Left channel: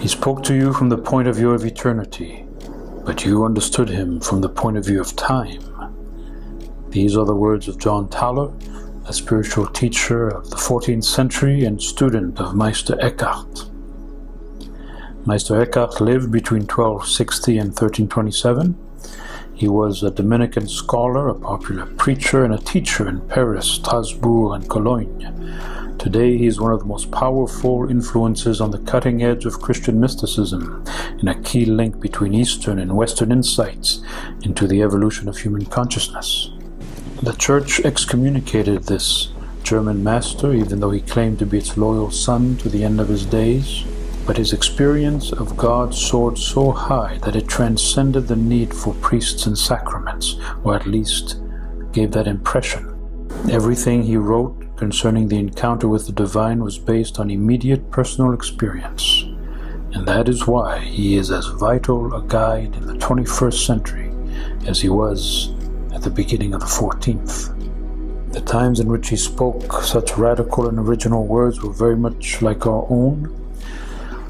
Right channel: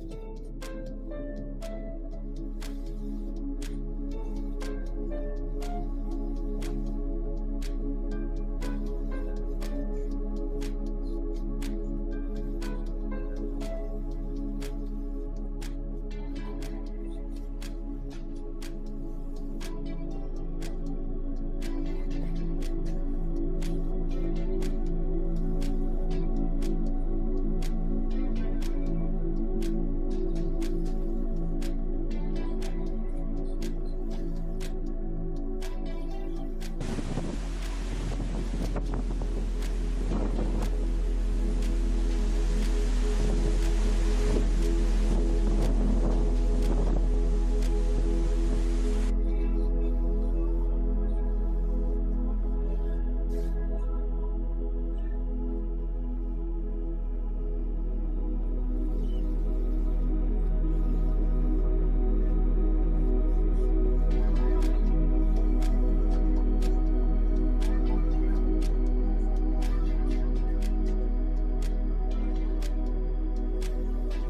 He spoke to you from the point of view of eternity, but you understood him from the point of view of time. These are the words of John Thaler, a spiritual teacher of the 14th century and student of Meister Eckhart. Meister Eckhart lived between 1260 and 1327. He was a Dominican scholar, a popular preacher, and a teacher in Paris, Strasbourg, and Cologne. Today, he is one of the most powerful influences on the cutting edge of Christian mysticism and a key link between Eastern and Western insights into the evolution of human consciousness. The Church excommunicated this German master, even though he claimed to be its loyal son to the end of his days. But his experience of God soared so high that it transcended the need for priests and sacraments, or at least gave that impression. Everything he wrote concerning the encounter with the divine was based on immediate personal experience, and that is why he is as vital a guide in the 21st century as he was at the beginning of the 14th. The times in which he spoke such radical and original words were very much like our own.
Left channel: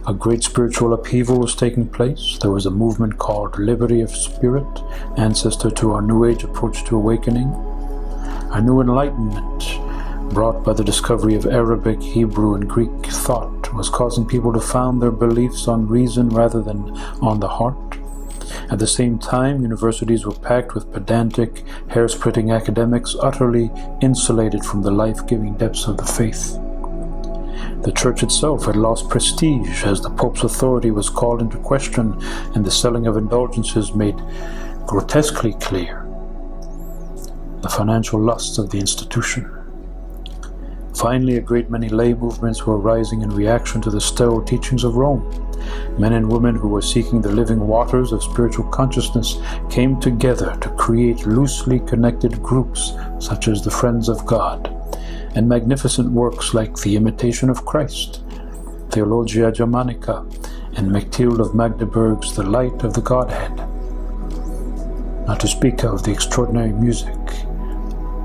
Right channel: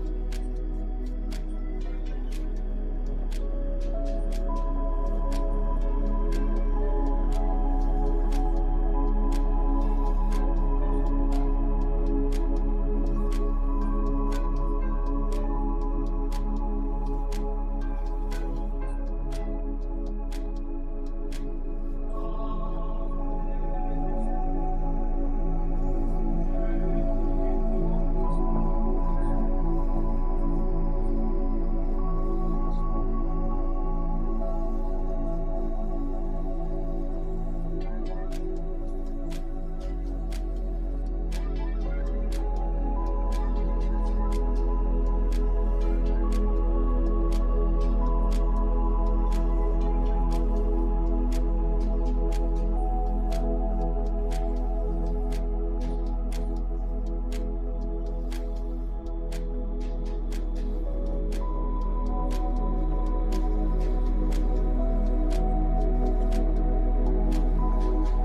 A great spiritual upheaval was taking place. There was a movement called Liberty of Spirit, ancestor to our New Age approach to awakening. A new enlightenment brought by the discovery of Arabic, Hebrew, and Greek thought was causing people to found their beliefs on reason rather than on the heart. At the same time, universities were packed with pedantic, hair-splitting academics utterly insulated from the life-giving depths of the faith. The Church itself had lost prestige as the Pope's authority was called into question and the selling of indulgences made grotesquely clear the financial lusts of the institution. Finally, a great many lay movements were rising in reaction to the sterile teachings of Rome. Men and women who were seeking the living waters of spiritual consciousness came together to create loosely connected groups such as the Friends of God, and magnificent works like The Imitation of Christ, Theologia Germanica, and Mechtilde of Magdeburg's The Light of the Godhead. Not to speak of the extraordinary music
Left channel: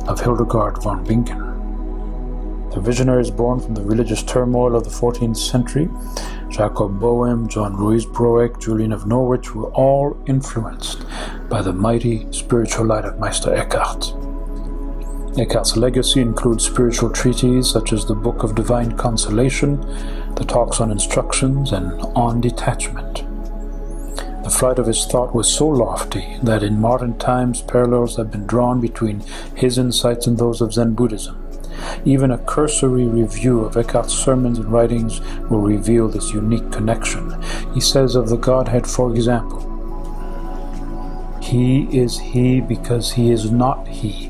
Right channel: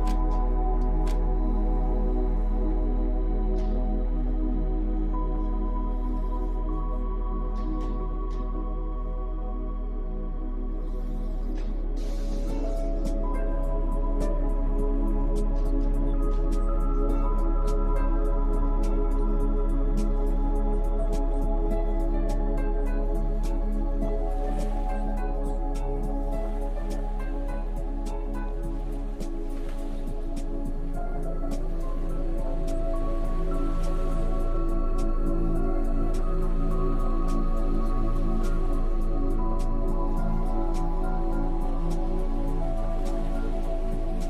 of Hildegard von Bingen. The visionaries born from the religious turmoil of the 14th century, Jacob Boehm, John Ruysbroek, Julian of Norwich, were all influenced by the mighty spiritual light of Meister Eckhart. Eckhart's legacy includes spiritual treatises such as the Book of Divine Consolation, the Talks on Instructions, and On Detachment. The flight of his thought was so lofty that in modern times parallels have been drawn between his insights and those of Zen Buddhism. Even a cursory review of Eckhart's sermons and writings will reveal this unique connection. He says of the Godhead, for example, "He is He because He is not He."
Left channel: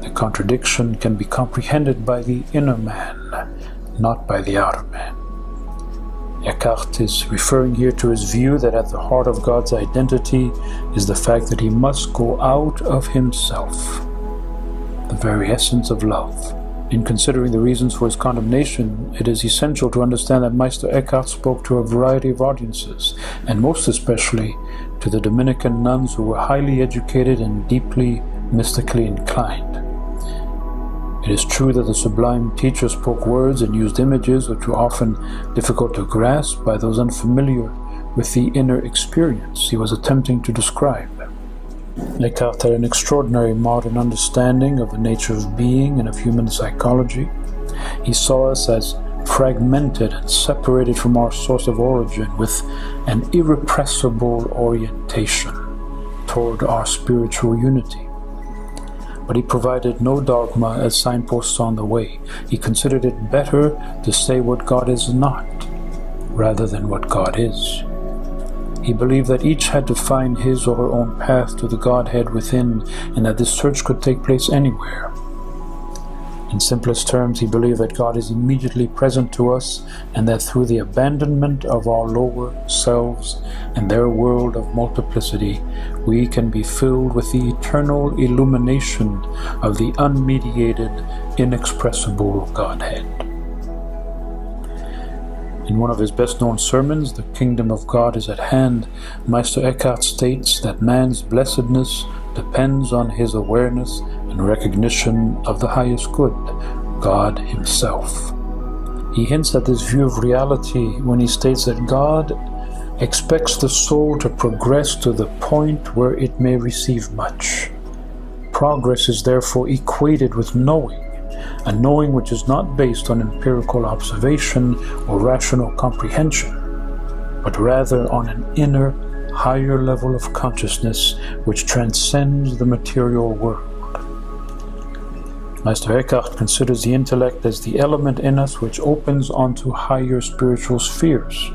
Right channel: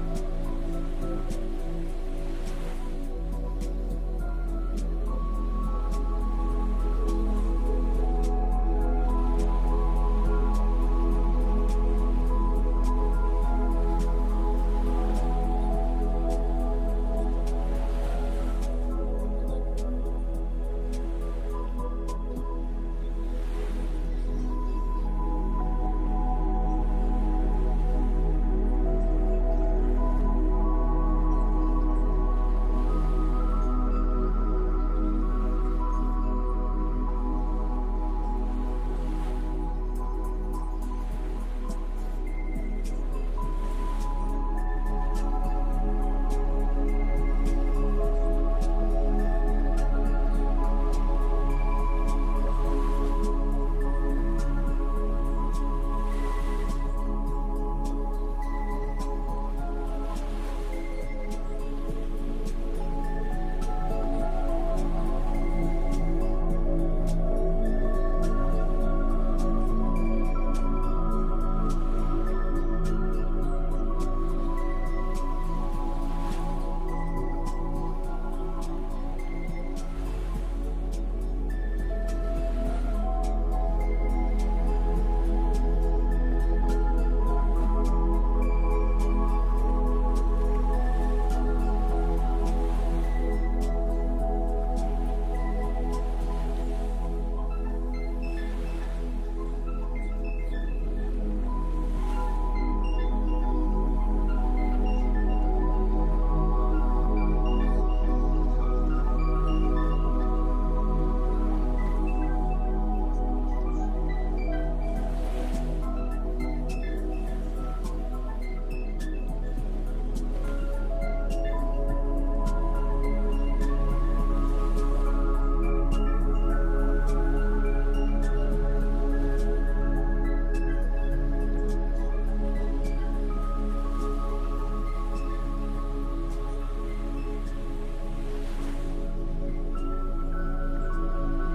The contradiction can be comprehended by the inner man, not by the outer man. Eckhart is referring here to his view that at the heart of God's identity is the fact that He must go out of Himself, the very essence of love. In considering the reasons for his condemnation, it is essential to understand that Meister Eckhart spoke to a variety of audiences, and most especially to the Dominican nuns who were highly educated and deeply mystically inclined. It is true that the sublime teacher spoke words and used images which were often difficult to grasp by those unfamiliar with the inner experience he was attempting to describe. Eckhart had an extraordinary modern understanding of the nature of being and of human psychology. He saw us as fragmented and separated from our source of origin with an irrepressible orientation toward our spiritual unity. But he provided no dogma as signposts on the way. He considered it better to say what God is not, rather than what God is. He believed that each had to find his or her own path to the Godhead within, and that this search could take place anywhere. In simplest terms, he believed that God is immediately present to us, and that through the abandonment of our lower selves and their world of multiplicity, we can be filled with the eternal illumination of the unmediated inexpressible Godhead. In one of his best-known sermons, "The Kingdom of God is at Hand," Meister Eckhart states that man's blessedness depends on his awareness and recognition of the highest good, God Himself. He hints at this view of reality when he states that God expects the soul to progress to the point where it may receive much. Progress is therefore equated with knowing, a knowing which is not based on empirical observation or rational comprehension, but rather on an inner, higher level of consciousness which transcends the material world. Meister Eckhart considers the intellect as the element in us which opens onto higher spiritual spheres.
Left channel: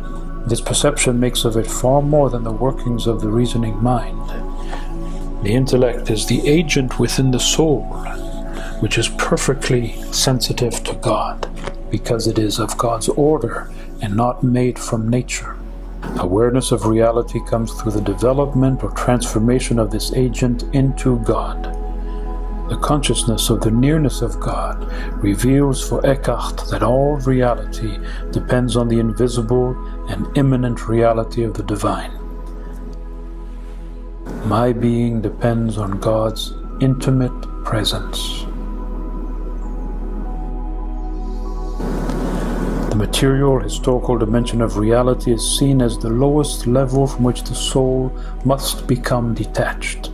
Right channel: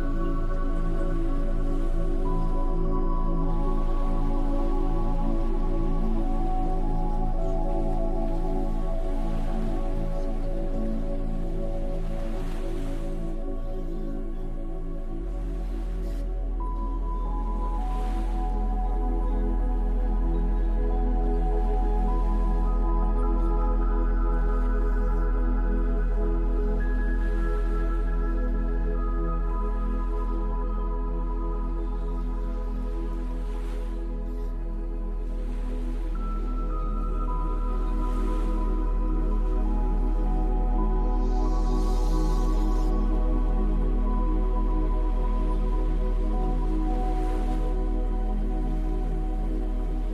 This perception makes of it far more than the workings of the reasoning mind. The intellect is the agent within the soul, which is perfectly sensitive to God, because it is of God's order and not made from nature. Awareness of reality comes through the development or transformation of this agent into God. The consciousness of the nearness of God reveals for Eckhart that all reality depends on the invisible and immanent reality of the divine. My being depends on God's intimate presence. The material, historical dimension of reality is seen as the lowest level from which the soul must become detached.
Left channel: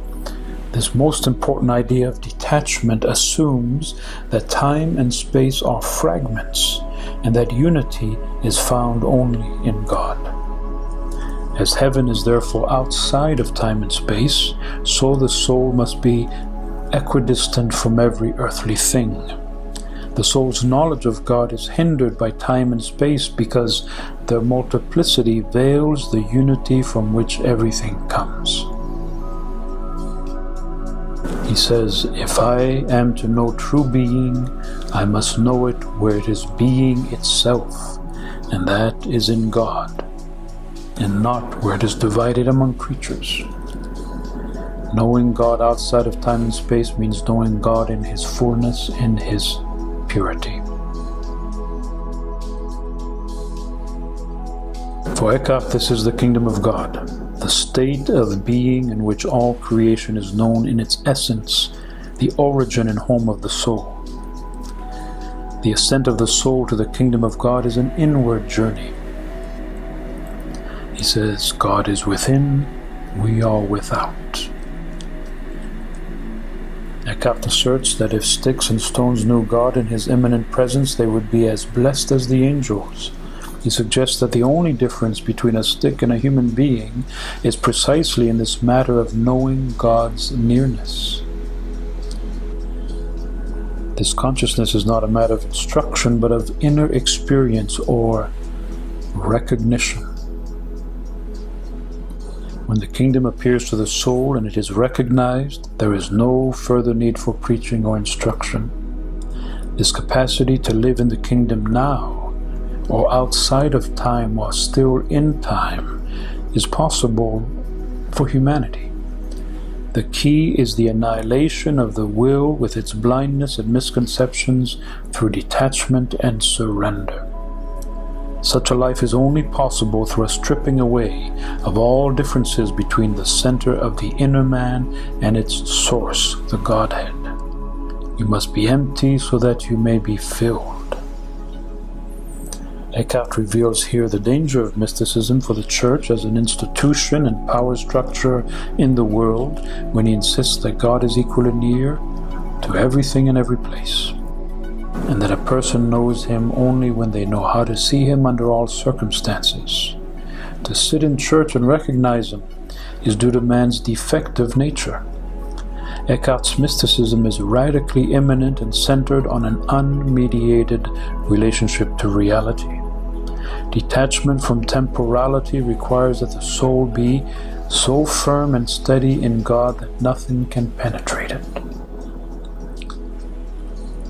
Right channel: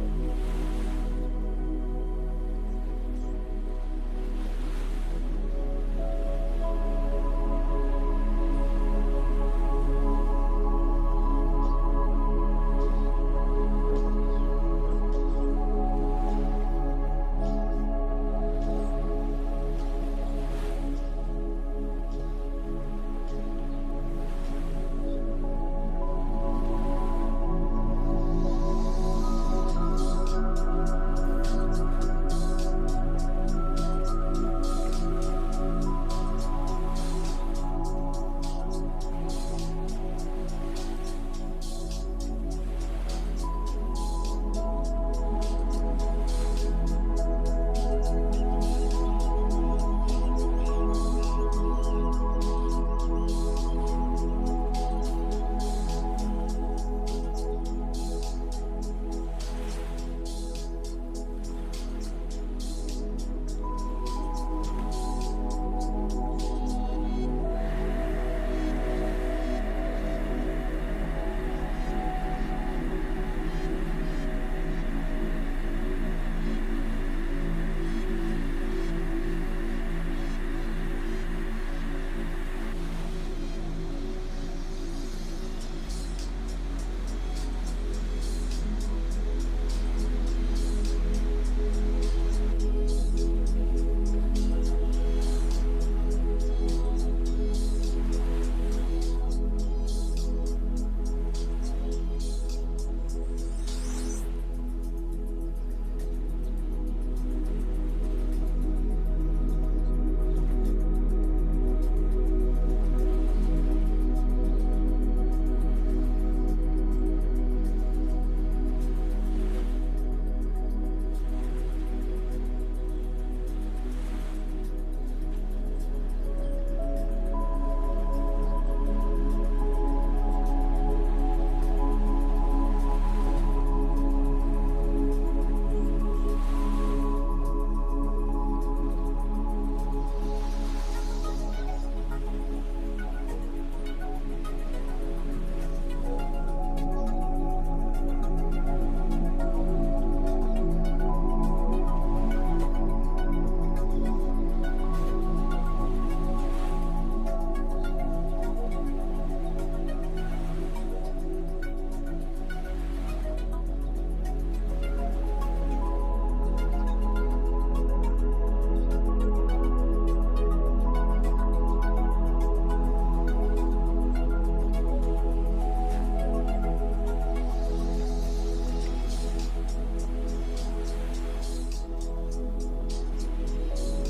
This most important idea of detachment assumes that time and space are fragments, and that unity is found only in God. As heaven is therefore outside of time and space, so the soul must be equidistant from every earthly thing. The soul's knowledge of God is hindered by time and space because their multiplicity veils the unity from which everything comes. He says, "If I am to know true being, I must know it where it is being itself, and that is in God, and not where it is divided among creatures." Knowing God outside of time and space means knowing God in His fullness, in His purity. For Eckhart, this is the kingdom of God, the state of being in which all creation is known in its essence, the origin and home of the soul. The ascent of the soul to the kingdom of God is an inward journey. He says, God is within, we are without. Eckhart asserts that if sticks and stones knew God in His immanent presence, they would be as blessed as the angels. He suggests that the only difference between a stick and a human being is precisely in this matter of knowing God's nearness. This consciousness is not a matter of instruction, but of inner experience or recognition. When the kingdom appears to the soul and it is recognized, there is no further need for preaching or instruction. This capacity to live in the kingdom now, or outside of time while still in time, is possible for humanity. The key is the annihilation of the will with its blindness and misconceptions through detachment and surrender. Such a life is only possible through a stripping away of all differences between the center of the inner man and its source, the Godhead. You must be empty so that you may be filled. Eckhart reveals here the danger of mysticism for the Church as an institution and power structure in the world when he insists that God is equally near to everything and every place, and that a person knows Him only when they know how to see Him under all circumstances. To sit in church and recognize Him is due to man's defective nature. Eckhart's mysticism is radically immanent and centered on an unmediated relationship to reality. Detachment from temporality requires that the soul be so firm and steady in God that nothing can penetrate it.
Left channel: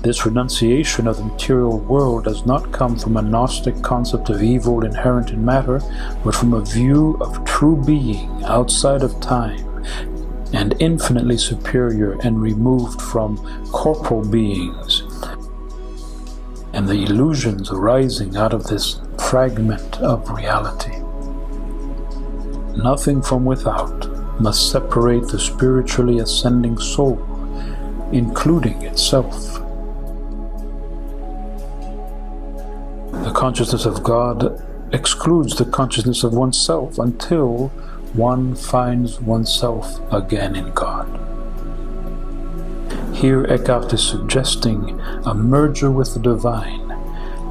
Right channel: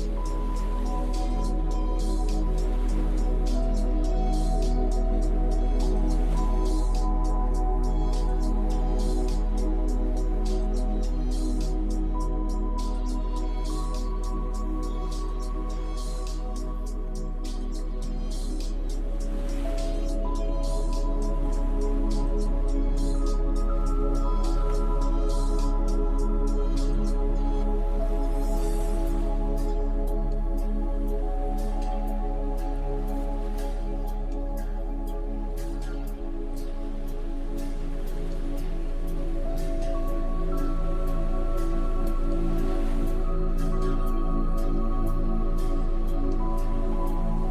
This renunciation of the material world does not come from a Gnostic concept of evil inherent in matter, but from a view of true being outside of time and infinitely superior and removed from corporal beings. and the illusions arising out of this fragment of reality. Nothing from without must separate the spiritually ascending soul, including itself. The consciousness of God excludes the consciousness of oneself until one finds oneself again in God. Here Eckhart is suggesting a merger with the divine,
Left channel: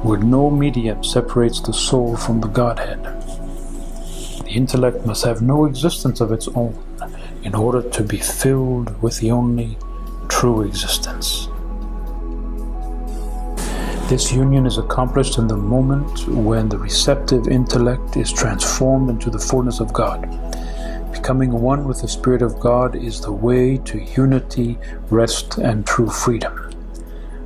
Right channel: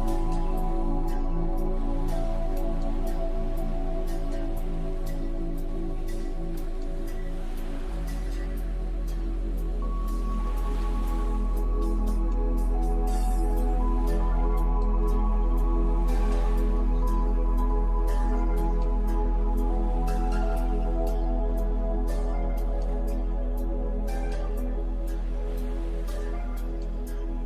where no medium separates the soul from the Godhead. The intellect must have no existence of its own in order to be filled with the only true existence. This union is accomplished in the moment when the receptive intellect is transformed into the fullness of God. Becoming one with the Spirit of God is the way to unity, rest, and true freedom.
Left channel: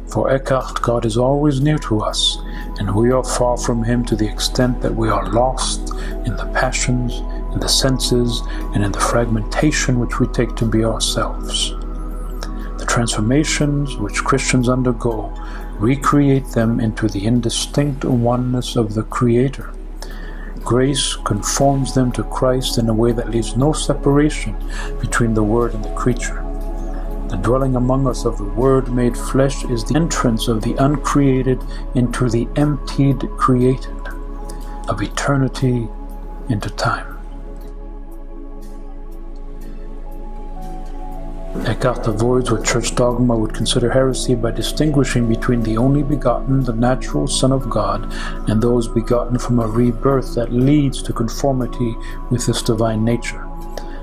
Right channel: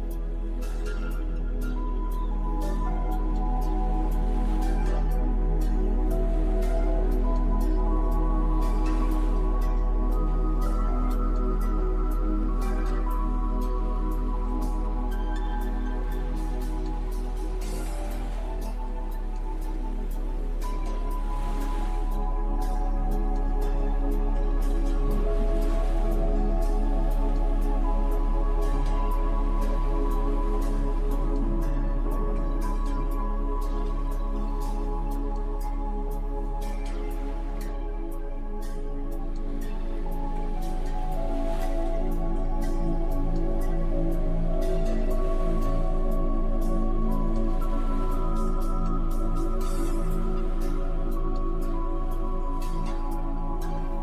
For Eckhart, God is always near to us, and we are far from Him to the extent that we are lost in the passions, in the senses, and in the fragmentation which we take to be ourselves. The transformations which Christians undergo recreate them into the indistinct oneness of the Creator. Grace conforms them to Christ in a way that leaves no separation between the Word and the creature. The dwelling among us of the Word made flesh is the entrance of the uncreated into the emptied created, of eternity into time. Eckhart avoids what church dogma would consider heresy by distinguishing between the only begotten, the natural Son of God, and those begotten from a rebirth that leads to conformity with this divine nature.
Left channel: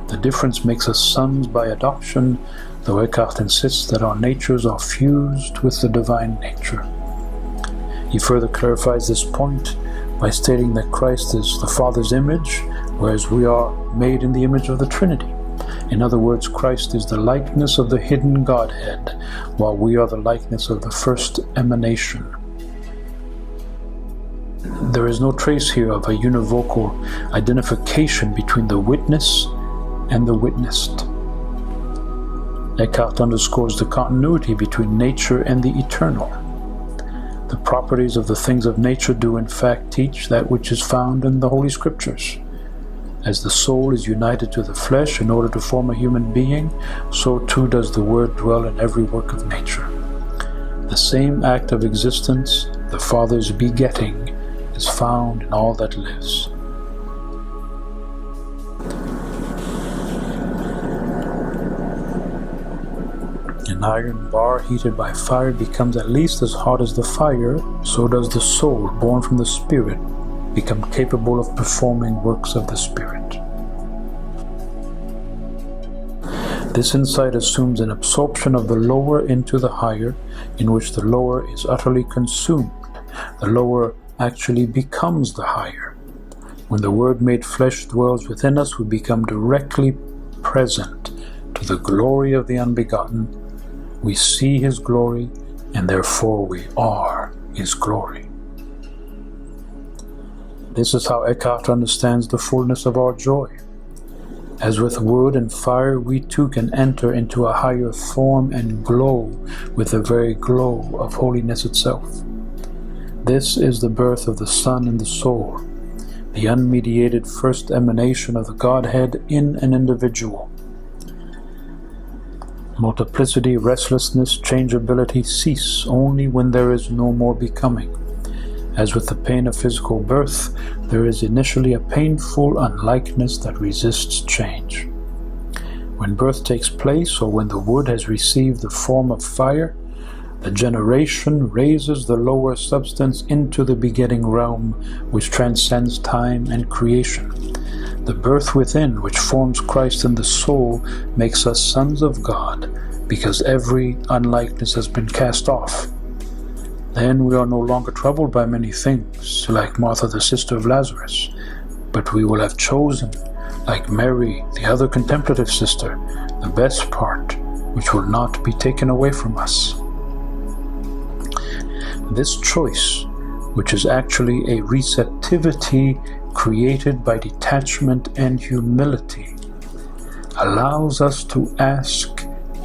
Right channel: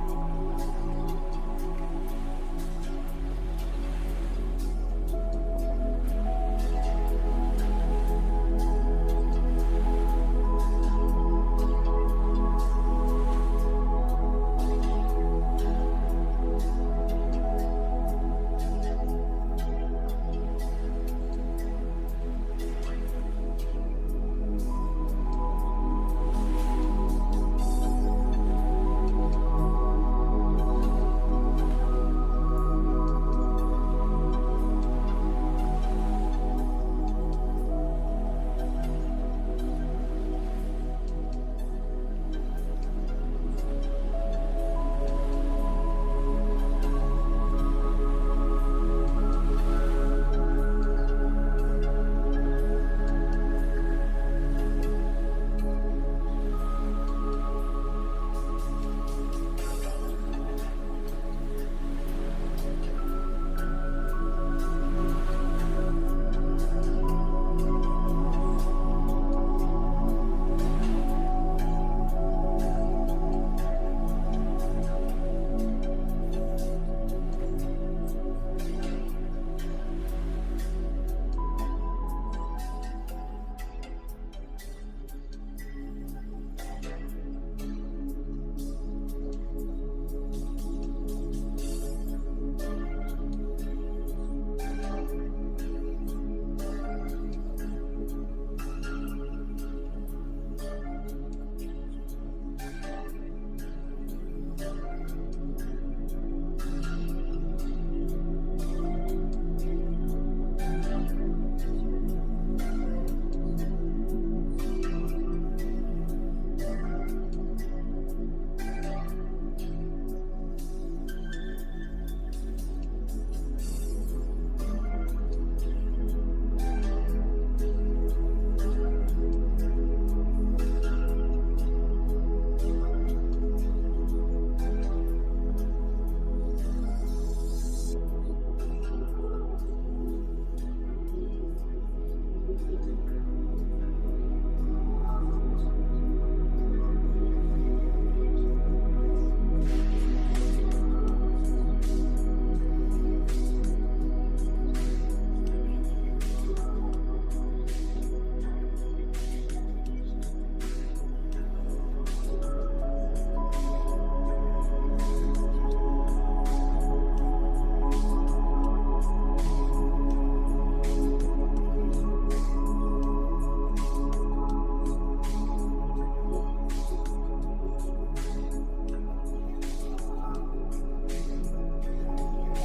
The difference makes us sons by adoption, though Eckhart insists that our natures are fused with the divine nature. He further clarifies this point by stating that Christ is the Father's image, whereas we are made in the image of the Trinity. In other words, Christ is the likeness of the hidden Godhead, while we are the likeness of the first emanation. There is no trace here of a univocal identification between the witness and the witnessed. Eckhart underscores the continuity between nature and the eternal. The properties of the things of nature do in fact teach that which is found in the Holy Scriptures. As the soul is united to the flesh in order to form a human being, so too does the Word dwell in every work of nature. The same act of existence, the Father's begetting, is found in all that lives. An iron bar heated by fire becomes at least as hot as the fire, so does the soul born from the Spirit become capable of performing works of the Spirit. This insight assumes an absorption of the lower into the higher, in which the lower is utterly consumed. The lower actually becomes the higher. When the Word made flesh dwells within us, we become directly present to the glory of the unbegotten. We see His glory, and therefore we are His glory. This is how Eckhart understands the fullness of our joy. As with wood and fire, we too can enter into a higher form and glow with the very glow of holiness itself. This is the birth of the Son in the soul, the unmediated first emanation of the Godhead in an individual. Multiplicity, restlessness, changeability cease only when there is no more becoming. As with the pain of physical birth, there is initially a painful unlikeness that resists change. When birth takes place, or when the wood has received the form of fire, the generation raises the lower substance into the begetting realm, which transcends time and creation. The birth within, which forms Christ in the soul, makes us sons of God, because every unlikeness has been cast off. Then we are no longer troubled by many things, like Martha the sister of Lazarus, but we will have chosen, like Mary, the other contemplative sister, the best part, which will not be taken away from us. This choice, which is actually a receptivity created by detachment and humility, allows us to ask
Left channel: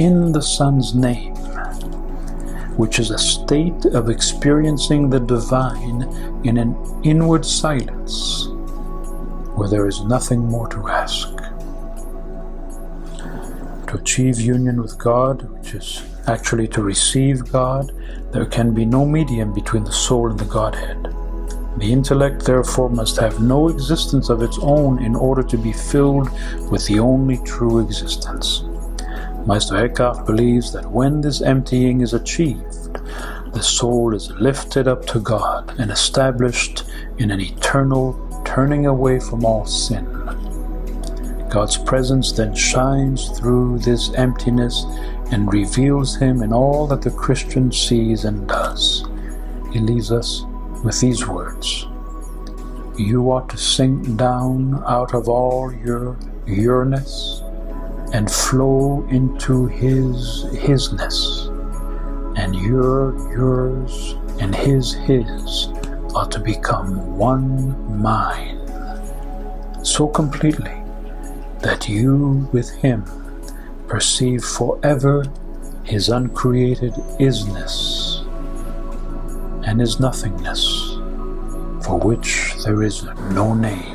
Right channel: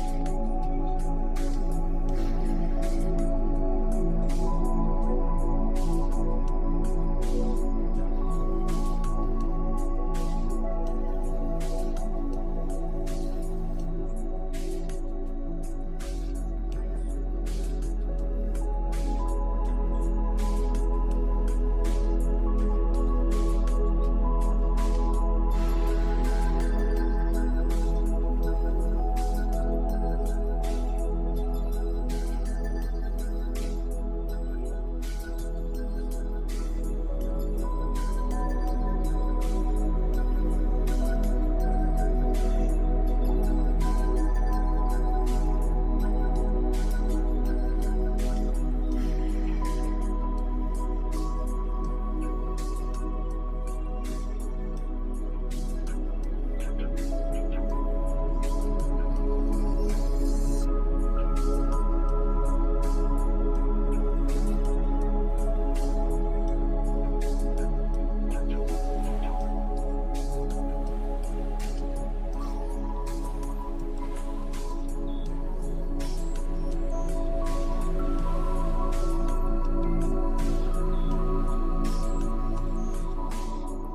in the Son's name, which is a state of experiencing the divine in an inward silence, where there is nothing more to ask. To achieve union with God, which is actually to receive God, there can be no medium between the soul and the Godhead. The intellect, therefore, must have no existence of its own in order to be filled with the only true existence. Meister Eckhart believes that when this emptying is achieved, the soul is lifted up to God and established in an eternal turning away from all sin. God's presence then shines through this emptiness and reveals Him in all that the Christian sees and does. He leaves us with these words: "You ought to sink down out of all your yourness and flow into Hisness, and yours and His ought to become one mind, so completely that you with Him perceive forever His uncreated isness and His nothingness, for which there is no name."